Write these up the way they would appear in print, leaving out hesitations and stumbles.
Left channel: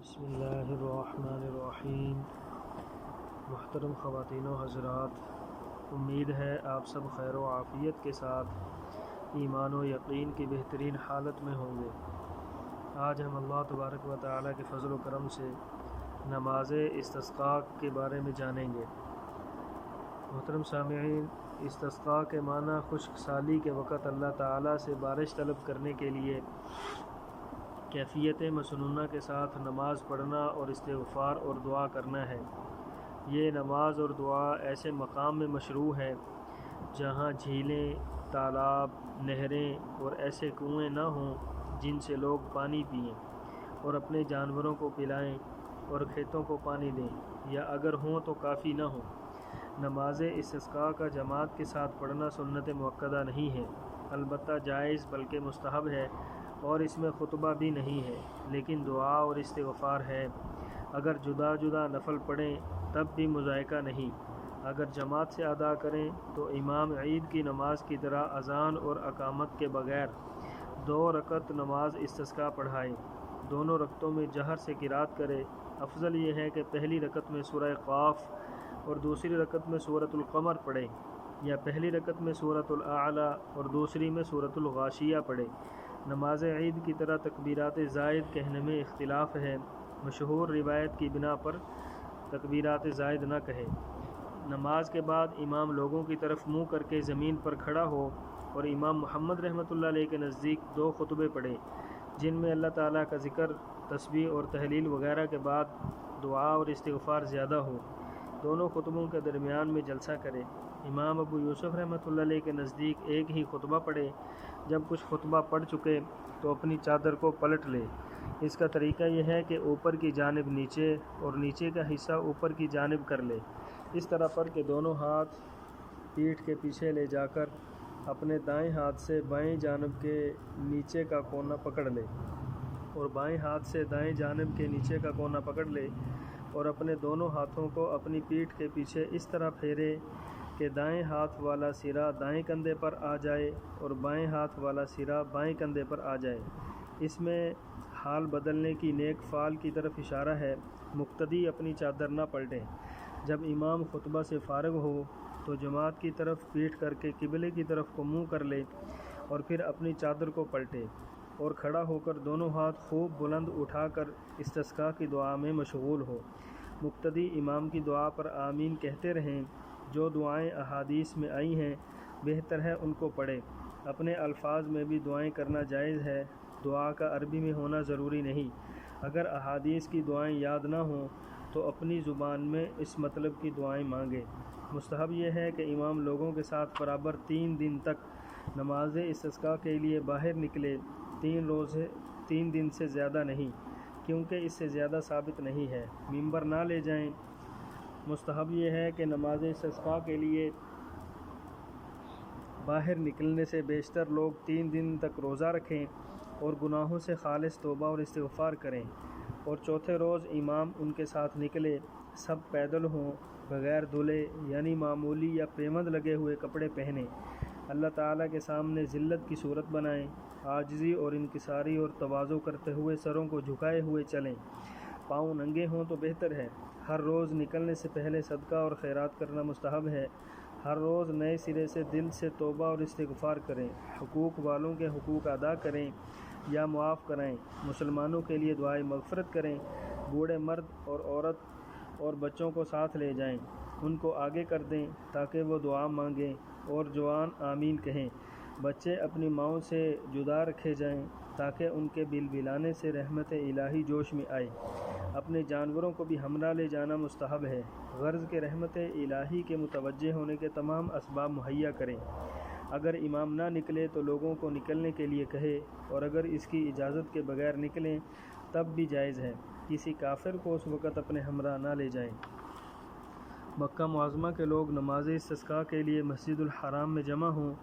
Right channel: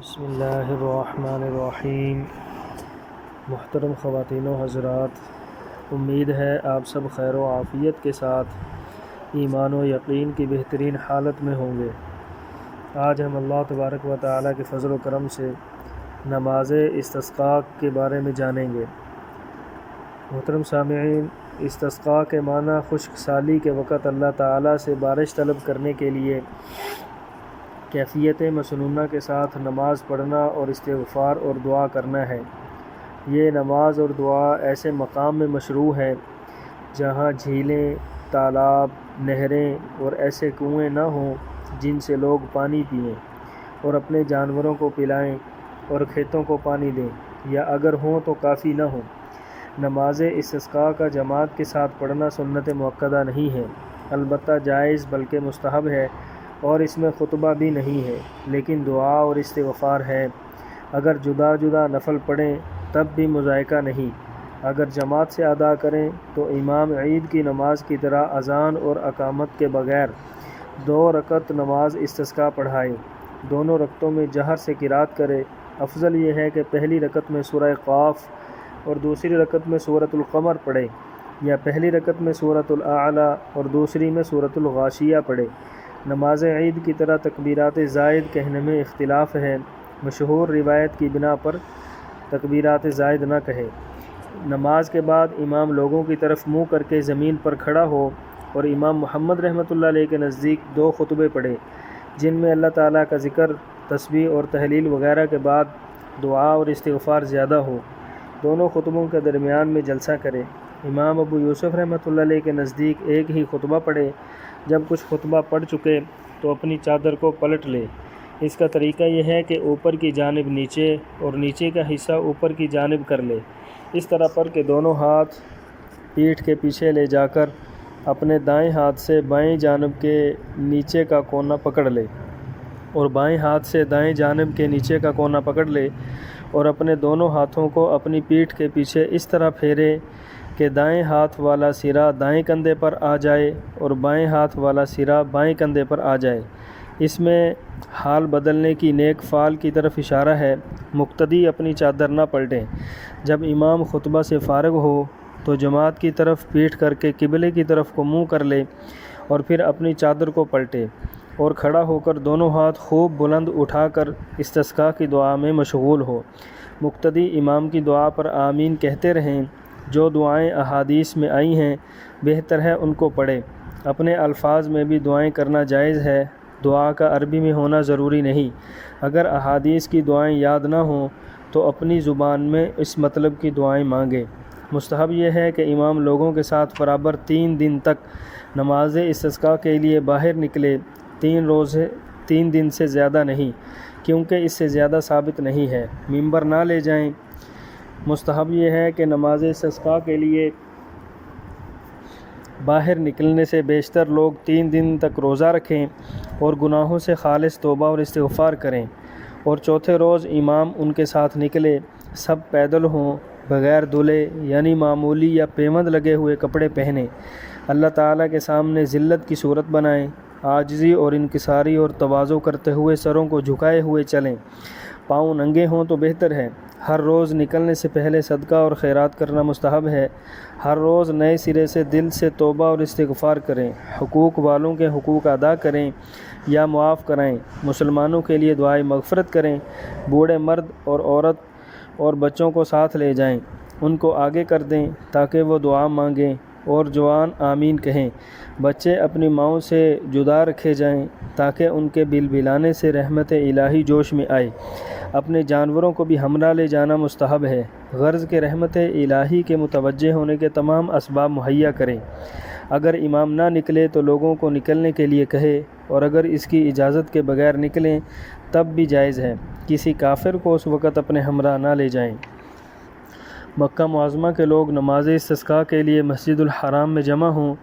بسم اللہ الرحمن الرحیم۔ محترم خواتین و حضرات، امید ہے آپ سب خیر و عافیت کے ساتھ ایمان و یقین کی بہترین حالت میں ہوں گے۔ آج ہم اللہ تبارک و تعالیٰ کے فضل و کرم سے نماز استسقاء کے بارے میں جانیں گے۔ محترم سامعین، استسقاء کے معنی خشک سالی کے وقت اللہ تعالیٰ سے بارش طلب کرنے کے لیے کیفیت مسنونہ کے ساتھ نماز پڑھنا اور استغفار اور دعا کرنا ہے۔ یہ نماز اور دعا ایسے مقام میں مشروع ہے جہاں جھیلیں، تالاب، نہریں اور ایسے کنویں نہ ہوں جن سے لوگ پانی پئیں اور اپنے جانوروں کو پلائیں اور کھیتوں کو پانی دیں، یا اگر ہوں تو کافی نہ ہوں۔ نماز استسقاء کا جماعت کے ساتھ پڑھنا سنت مؤکدہ نہیں ہے، البتہ جائز بلکہ مستحب ہے، اور اس میں خطبہ بھی نہیں ہے، لیکن دعا اور استغفار ہے۔ اگر جدا جدا نفل پڑھیں تب بھی مضائقہ نہیں۔ اگر جماعت سے ادا کریں تو امام عید کی نماز کی طرح اذان اور اقامت کے بغیر 2 رکعت نماز استسقاء پڑھائیں۔ دونوں رکعتوں میں جہر سے قرات کرے۔ افضل یہ ہے کہ پہلی رکعت میں سورہ قاف اور دوسری رکعت میں سورۃ القمر پڑھے، یا پہلی رکعت میں سورۃ الاعلیٰ اور دوسری میں سورۃ الغاشیہ پڑھے۔ نماز عید کی طرح تکبیرات زائد کہنے میں اختلاف ہے۔ مشہور روایت کی بنا پر تکبیرات زائد نہ کہے۔ نماز کے بعد امام لوگوں کی طرف منہ کر کے زمین پر کھڑا ہو اور امام محمد رحمۃ اللہ علیہ کے نزدیک 2 خطبے پڑھے، جن میں اللہ تعالیٰ کا ذکر، تسبیح اور تحلیل وغیرہ کے بعد دعا اور استغفار زیادہ ہو۔ دونوں خطبوں کے درمیان میں جلسہ کرے۔ امام ابو یوسف رحمۃ اللہ علیہ کے نزدیک ایک ہی خطبہ پڑھے۔ جب کچھ خطبہ پڑھ چکے تو اپنی چادر کو پلٹ لے۔ اس کا طریقہ یہ ہے کہ اوپر کی جانب نیچے اور نیچے کا حصہ اوپر کی جانب کر لے۔ اس طرح پڑھ کے دونوں ہاتھ پیٹھ کے پیچھے لے جا کر اپنے دائیں ہاتھ سے بائیں جانب کے نیچے کا کونا پکڑ لے، اور بائیں ہاتھ سے دائیں جانب کے نیچے کا کونا پکڑ لے، اور اپنے دونوں ہاتھوں کو اپنی پیٹھ کے پیچھے اس طرح پھیرے کہ دائیں ہاتھ والا سرا دائیں کندھے پر آ جائے اور بائیں ہاتھ والا سرا بائیں کندھے پر آ جائے۔ اس میں حال بدلنے کی نیک فعل کی طرف اشارہ ہے۔ مقتدی اپنی چادر نہ پلٹیں۔ جب امام خطبہ سے فارغ ہو تو جماعت کی طرف پیٹھ کر کے قبلے کی طرف کو منہ کر لے، اور پھر اپنی چادر کو پلٹے اور کھڑا ہو کر دونوں ہاتھ خوب بلند اٹھا کر استسقاء کی دعا میں مشغول ہو۔ مقتدی امام کی دعا پر آمین کہتے رہیں۔ جو دعائیں احادیث میں آئی ہیں بہتر ہے ان کو پڑھے۔ اپنے الفاظ میں بھی دعائیں کرنا جائز ہے۔ دعا کا عربی میں ہونا ضروری نہیں۔ اگر احادیث کی دعائیں یاد نہ ہوں تو اپنی زبان میں اس مطلب کی دعائیں مانگیں۔ مستحب یہ ہے کہ امام لوگوں کے ساتھ برابر 3 دن تک نماز استسقاء کے لیے باہر نکلے۔ 3 دن سے زیادہ نہیں، کیونکہ اس سے زیادہ ثابت نہیں ہے۔ ممبر نہ لے جائیں۔ مستحب یہ ہے کہ نماز استسقاء کے لیے باہر نکلنے سے بیشتر لوگ 3 دن تک روزہ رکھیں اور گناہوں سے خالص توبہ اور استغفار کریں، اور چوتھے روز امام ان کے ساتھ نکلے۔ سب پیدل ہوں، بغیر دھلے، یعنی معمولی یا پیوند لگے ہوئے کپڑے پہنیں۔ اللہ تعالیٰ کے سامنے ذلت کی صورت بنائیں۔ عاجزی اور انکساری اور تواضع کرتے ہوئے سروں کو جھکائے ہوئے چلیں۔ پاؤں ننگے ہوں تو بہتر ہے۔ ہر روز نکلنے سے پہلے صدقہ اور خیرات کرنا مستحب ہے۔ ہر روز نئے سرے سے دل سے توبہ اور استغفار کریں۔ حقوق والوں کے حقوق ادا کریں یا معاف کرائیں۔ مسلمانوں کے لیے دعائے مغفرت کریں۔ بوڑھے مرد اور عورت اور بچوں کو ساتھ لے جائیں، ان کو آگے کر دیں تاکہ وہ دعا مانگیں، اور جوان آمین کہیں۔ بچے اپنی ماؤں سے جدا رکھے جائیں تاکہ ان کے بلبلانے سے رحمت الہی جوش میں آئے۔ اپنے جانوروں کو بھی ہمراہ لے جانا مستحب ہے۔ غرض کہ رحمت الہی کے متوجہ ہونے کے تمام اسباب مہیا کریں۔ اگر امام نہ نکلے تو لوگوں کو نکلنے کے لیے کہے، اور اگر اس کی اجازت کے بغیر نکلیں تب بھی جائز ہے۔ کسی کافر کو اس وقت اپنے ہمراہ نہ لے جائیں۔ مکہ معظمہ کے لوگ نماز استسقاء کے لیے مسجد الحرام میں جمع ہوں،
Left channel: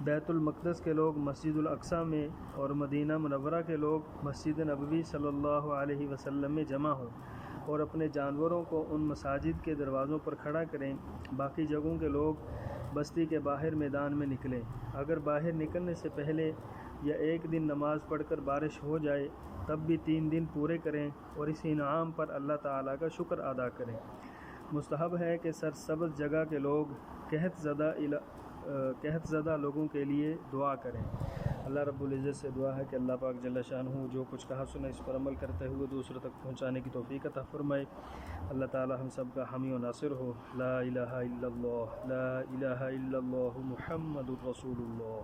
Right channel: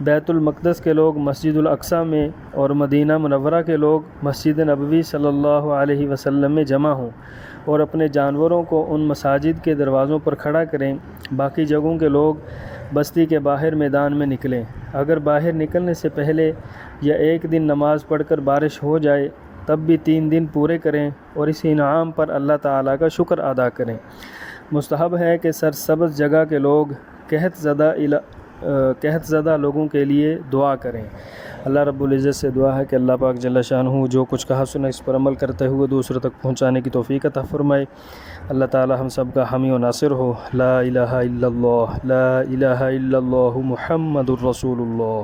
بیت المقدس کے لوگ مسجد الاقصیٰ میں، اور مدینہ منورہ کے لوگ مسجد نبوی صلی اللہ علیہ وسلم میں جمع ہوں، اور اپنے جانوروں کو ان مساجد کے دروازوں پر کھڑا کریں۔ باقی جگہوں کے لوگ بستی کے باہر میدان میں نکلیں۔ اگر باہر نکلنے سے پہلے یا ایک دن نماز پڑھ کر بارش ہو جائے تب بھی 3 دن پورے کریں اور اس انعام پر اللہ تعالیٰ کا شکر ادا کریں۔ مستحب ہے کہ سرسبز جگہ کے لوگ قحط زدہ لوگوں کے لیے دعا کریں۔ اللہ رب العزت سے دعا ہے کہ اللہ پاک جل شانہ جو کچھ کہا سنا اس پر عمل کرتے ہوئے دوسروں تک پہنچانے کی توفیق عطا فرمائے۔ اللہ تعالی ہم سب کا حامی و ناصر ہو۔ لا الہ الا اللہ، لا الہ الا اللہ، محمد الرسول اللہ۔